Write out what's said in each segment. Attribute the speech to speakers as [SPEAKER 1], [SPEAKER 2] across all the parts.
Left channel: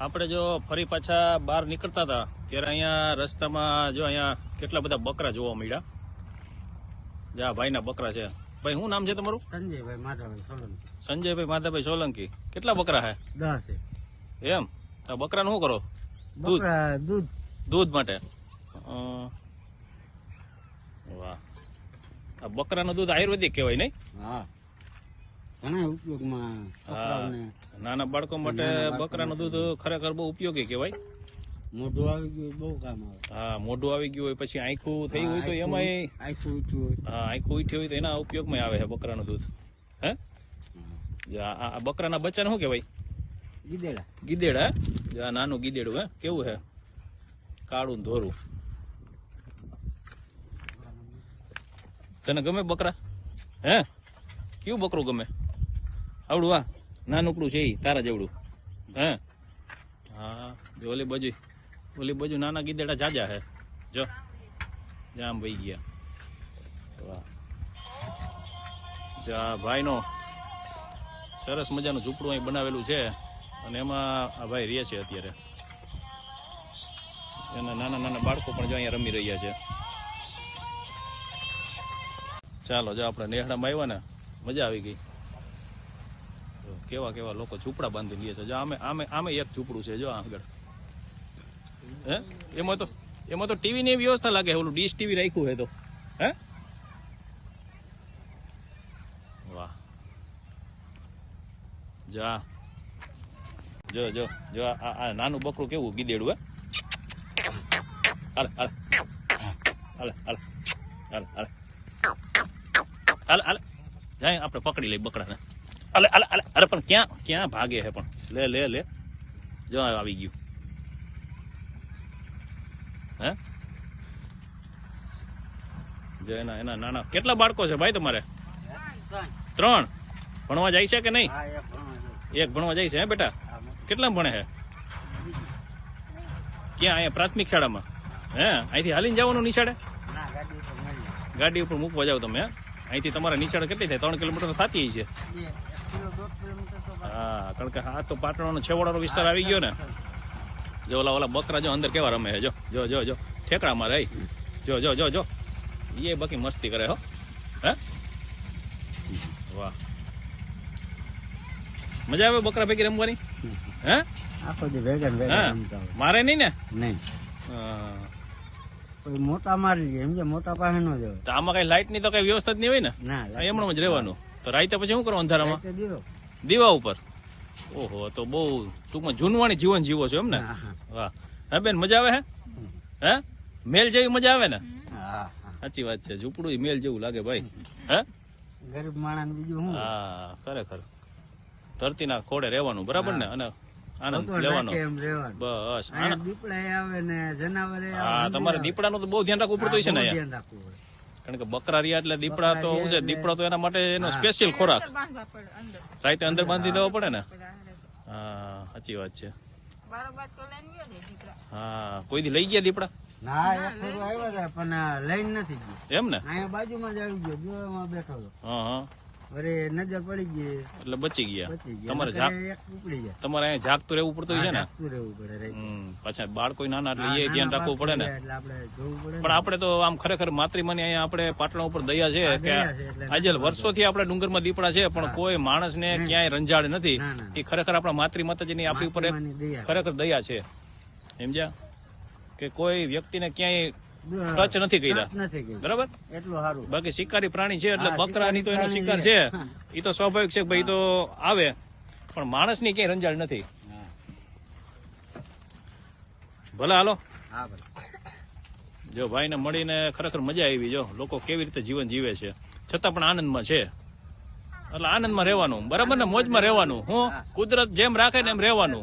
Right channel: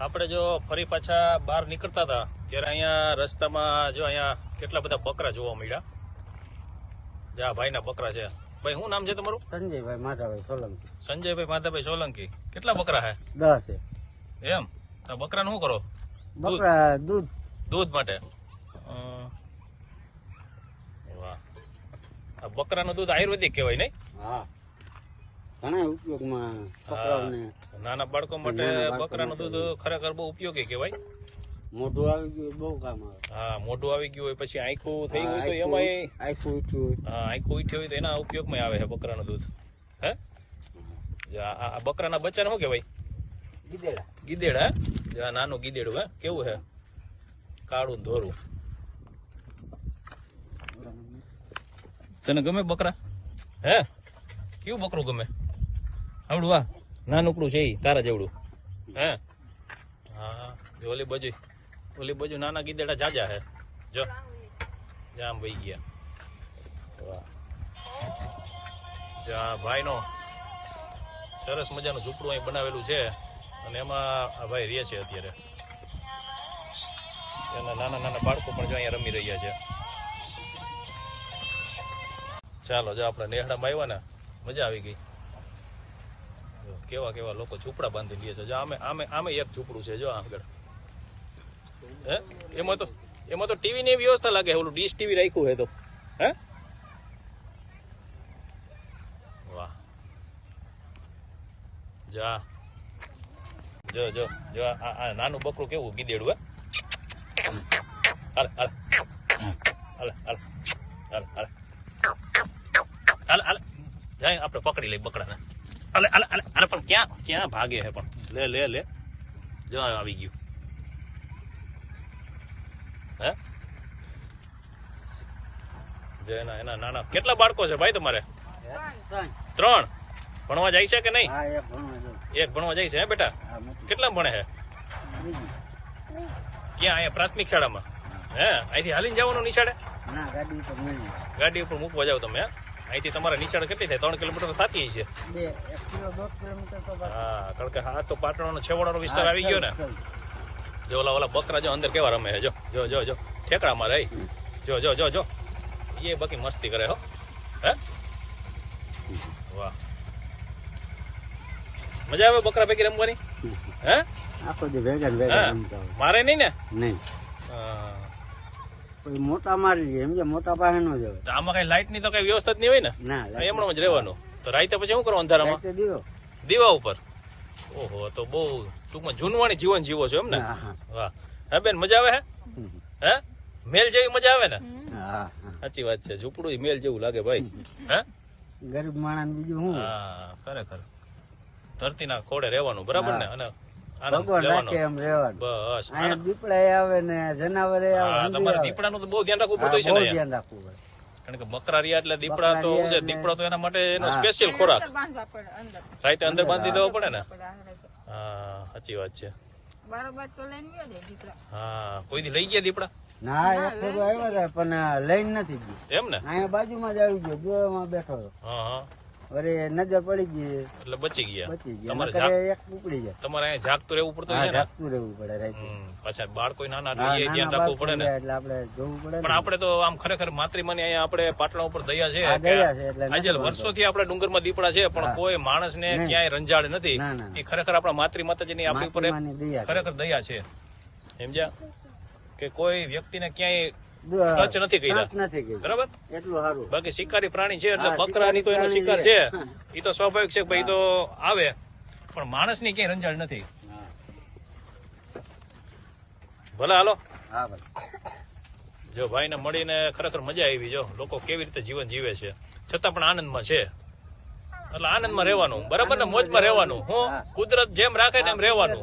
[SPEAKER 1] આપણે જો ફરી પાછા બહાર નીકળતા હતા ત્યારે અહીંયા રસ્તામાં જો અહીંયા કેટલા બધા બકરા જોવા મળ્યા? જા ભાઈના બકરા છે. ભાઈ શું નામ છે તમારું?
[SPEAKER 2] સંજયભાઈ માધાભાઈ સોલંકી.
[SPEAKER 1] સંજયભાઈ માધાભાઈ સોલંકી. કેટલા બકરા હે?
[SPEAKER 2] દસ છે.
[SPEAKER 1] એમ? બકરા બકરાનું શું કરો? દૂધ?
[SPEAKER 2] બકરા દૂધ.
[SPEAKER 1] દૂધ માટે? વાહ. આ બકરાનું દૂધ આયુર્વેદિક કહેવાય નહીં?
[SPEAKER 2] હા. ઘણા ઉપયોગમાં
[SPEAKER 1] હા. નાના બાળકો માટે બકરાનું દૂધ ખરેખર બહુ ઉપયોગી કહેવાય.
[SPEAKER 2] મોઢું આવી ગયું બહુ કામ આવે.
[SPEAKER 1] હા મોઢું આવી ગયું હોય પછી આંખું થઈ હોય તો એમાંય
[SPEAKER 2] આખું હોય.
[SPEAKER 1] હા આંખું ઉઠી હોય તો એના ઉપયોગમાં આવે છે બકરાનું દૂધ. હે? જો આ બકરાના બચ્ચાને શું કહેવાય? ગીદેડ. હા? નાનું ગીદેડું હે? કેવું હે કાળું ધોરું. તને ગમે બકરા? હે? કેવું બકરું ગમે? આવડું આ નાનકડું છે એ તારા જેવડું. હે? હા જો ઓલી બાજુ ઓલી બાજુ નાના ગીદેડા જાજા હે. જો. જામ વહી ગયા. વાહ. જો આ ભાઈનો સરસ મજાનું ઝૂંપડું અહીં બનાવેલું છે અને એમાં આ ભાઈ રહે છે અત્યારે. એના નાના નાના બાળકો પણ જો અહીંયા રમી રહ્યા છે. ચાલો જો આપણે નેહડામાં આવ્યા ને મજા આવી ગઈ. કેવા કેવા લોકો ઝૂંપડા બાંધી લે છે. જો આમે આમે આમે એક ઝૂંપડું છે, જો આગળ. હે? એમાં તો એમાં તો ટીવી ની વ્યવસ્થા લાગે ઓલું ડીશ ટીવી રાખ્યું હે તો. હે? વાહ. જા જો જો જો આ નાનું બકરું કેવું ગીદેડું, હે? હાલે હાલે. હાલે, હાલ. હાલે હાલે. હાલે પકડી લઈ બકરાને. હાલે અલે અલે અરે પણ ક્યાં ક્યાં ભાગે છે પણ? લે લે લે. જો આવી ગયું. હે? જો એના એના નાના કેટલા બાળકો છે ભાઈ તમારે?
[SPEAKER 2] ત્રણ.
[SPEAKER 1] ભણવા જાય છે કે નહીં?
[SPEAKER 2] એક ભણવા જાય
[SPEAKER 1] છે. હે બેટા? કેટલા ભણે
[SPEAKER 2] હે?
[SPEAKER 1] ક્યાં અહીંયા પ્રાથમિક શાળામાં? હે. અહીંથી હાલીને જવાનું નિશાળે?
[SPEAKER 2] ગાડી ઉપર
[SPEAKER 1] ગાડી ઉપર મૂકવા જાવ તમે હે? અહીંથી તમારા નીચાણ કેટલી થાય? ત્રણ કિલોમીટર થતી
[SPEAKER 2] છે.
[SPEAKER 1] હા કારણ કે આ તો પાટણનો છેવાડાનો વિસ્તાર આવી ગયો ને. જો ઓલા ઓલા બકરા જો અંદર કેવા રમે છે જો જો જો જો. ઠેકડા મારે જો જો જો જો. એ બાકી મસ્તી કરે હો. હે? વાહ. મજા આવે બકરા ભેગી રમવાની? હે? હા. મારે નહીં ને?
[SPEAKER 2] નહીં.
[SPEAKER 1] હા.
[SPEAKER 2] મોટા મારી લે સમજે મોટા પાસે નો જવાય.
[SPEAKER 1] તો આમાં કઈ લાઈટની તો કઈ વ્યવસ્થા જ નહીં હોય ને? એમણો જ રહેવાનું. તો રાતે પછી શું કરવાનું અંધારામાં?
[SPEAKER 2] દીવા.
[SPEAKER 1] ઉપર? ઓહો તો બહુ ટૂંકમાં જૂનવાણી જીવન જીવો છો એમ ને?
[SPEAKER 2] હા હા.
[SPEAKER 1] બેન મજા આવે હે? હે? મેલ જેવી મજા આવે ને? સાચી વાત છે. ઝૂંપડું મેલ જેવું લાગે ભાઈ. હે?
[SPEAKER 2] ગરીબ માણસ બીજું હું
[SPEAKER 1] હા ખરેખર. ધરતીના ખોડે રહેવાનું બરાબર ને? અને આનંદ
[SPEAKER 2] ભગવાન
[SPEAKER 1] લેવાનો.
[SPEAKER 2] રાખે એમ રહેવાનું.
[SPEAKER 1] બસ.
[SPEAKER 2] દીપડા આવે ને જનાવરે આવે
[SPEAKER 1] તમારે દીપડાનું તો બહુ ધ્યાન રાખવું પડતું છે ને
[SPEAKER 2] ધ્યાન રાખવું પડે.
[SPEAKER 1] કારણ કે બકરા રહ્યા એટલે દીપડા તો શું છે દીપડો તો એના માટે એનો સ્પેશિયલ ખોરાક. રાઈતે અંદર બાંધી દેવો પડે ને? હા સાચી વાત છે. હા કોઈ દી લઈ ગયા દીપડા?
[SPEAKER 2] ના એક ફેરો આવ્યો હતા પણ લઈને નથી ગયો.
[SPEAKER 1] એમ ને?
[SPEAKER 2] અહીંયા બાજુમાં જ આવી ગયો બેઠો
[SPEAKER 1] હા હા.
[SPEAKER 2] નજર પડી ગઈ.
[SPEAKER 1] એટલે બચી ગયા. તમારે
[SPEAKER 2] ઉપડી ગયા.
[SPEAKER 1] તમારે અહીંયા જાગતું રહેવું પડતું હોય છે ને?
[SPEAKER 2] ઢાંકતું રહેવું પડે.
[SPEAKER 1] પાછા બાળકો નાના એટલે એ ધ્યાન રાખવું પડે ને.
[SPEAKER 2] એટલે આપણે જોવું પડે
[SPEAKER 1] પણ આપણે તો આમ ખરેખર માતૃમાની અહીંયા આપણે પાટણ ઉપર દયા છે કે આજે વર્ષોથી આપણે ડુંગરમાં દીપડા છે પણ કોઈ માણસને
[SPEAKER 2] ને
[SPEAKER 1] ક્યાંય રંજાડ નથી. એ ખરેખર આપણા માતૃ માતાજીની આપણી ઉપર. ખરેખર દયા છે. સમજ્યા કે કોઈ વ્યક્તિને ક્યાંય ખર્ચ નથી કર્યા. બરાબર? બાકી શિકારી પ્રાણી છે એટલે બકરાની તો એનો
[SPEAKER 2] શિકાર
[SPEAKER 1] છે. એ તો સ્વાભાવિક છે ભાઈ તો આવે. પણ માણસની ક્યાંય રંજાણ નથી. ભલે હાલો.
[SPEAKER 2] જો ભાઈ
[SPEAKER 1] જો ભાઈને મળીને ખરેખર મજા આવી જો. લોકો કેવી રીતે જીવન જીવે છે. છતાં પણ આનંદમાં છે. એટલે આનંદમાં રહેવાનું બરાબર ને? મોજમાં રહેવાનું હું? કુદરત જેમ રાખે ને એમ રહેવાનું.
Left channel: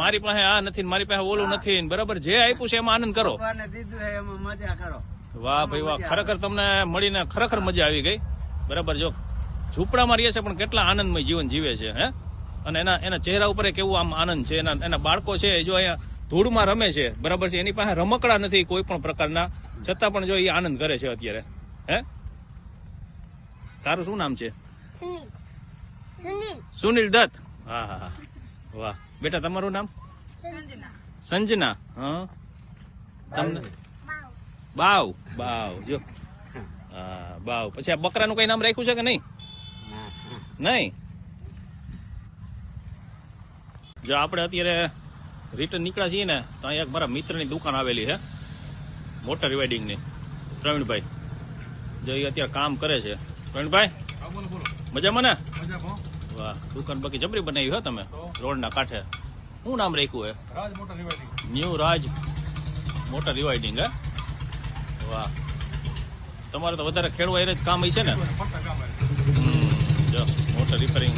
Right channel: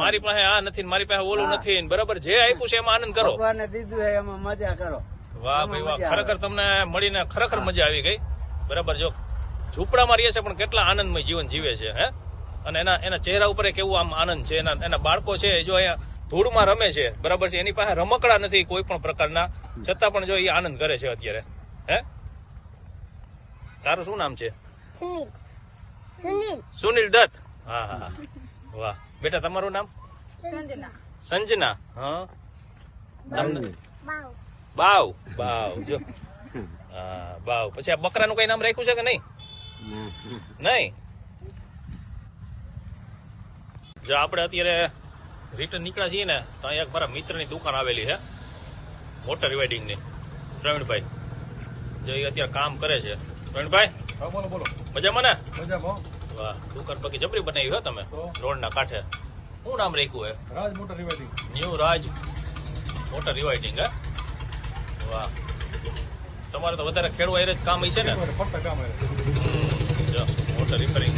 [SPEAKER 1] મારી પાસે આ નથી મારી પાસે ઓલું નથી બરાબર? જે આપ્યું છે એમાં આનંદ કરો.
[SPEAKER 2] એમાં મજા
[SPEAKER 1] વાહ ભાઈ વાહ ખરેખર તમને મળીને ખરેખર મજા આવી ગઈ. બરાબર જો ઝૂંપડામાં રહીએ છે પણ કેટલા આનંદમય જીવન જીવે છે હે? અને એના એના ચહેરા ઉપર એક એવું આમ આનંદ છે એના એના બાળકો છે જો અહીંયા ધૂળમાં રમે છે બરાબર છે? એની પાસે રમકડા નથી કોઈ પણ પ્રકારના. છતાં પણ જો એ આનંદ કરે છે અત્યારે હે? તારું શું નામ છે?
[SPEAKER 3] સુનિલ. સુનિલ.
[SPEAKER 1] સુનિલ દત્ત. હા હા હા. વાહ. બેટા તમારું નામ?
[SPEAKER 4] સંજના.
[SPEAKER 1] સંજના. હા? તમને બાવ બાવ જો. હા બાવ પછી આ બકરાનું કઈ નામ રાખ્યું છે કે નહીં? નહીં. જો આપણે અત્યારે રિટર્ન નીકળ્યા છીએ ને તો અહીંયા એક મારા મિત્રની દુકાન આવેલી છે. મોટર રિવાઇડિંગની પ્રવીણભાઈ. જો એ અત્યારે કામ કરે છે. પ્રવીણભાઈ?
[SPEAKER 3] બોલો બોલો.
[SPEAKER 1] મજામાં ને?
[SPEAKER 3] મજામાં.
[SPEAKER 1] વાહ દુકાન બાકી જબરી બનાવી હો તમે?
[SPEAKER 3] રોડ
[SPEAKER 1] રોડના કાંઠે. શું નામ રાખ્યું હે
[SPEAKER 3] Raj motor rewinding.
[SPEAKER 1] New Raj motor rewinding હે? વાહ. તમારે તો વધારે ખેડવા એ જ કામ હશે ને?
[SPEAKER 3] ફક્ત કામ
[SPEAKER 1] જો મોટર રિપેરિંગ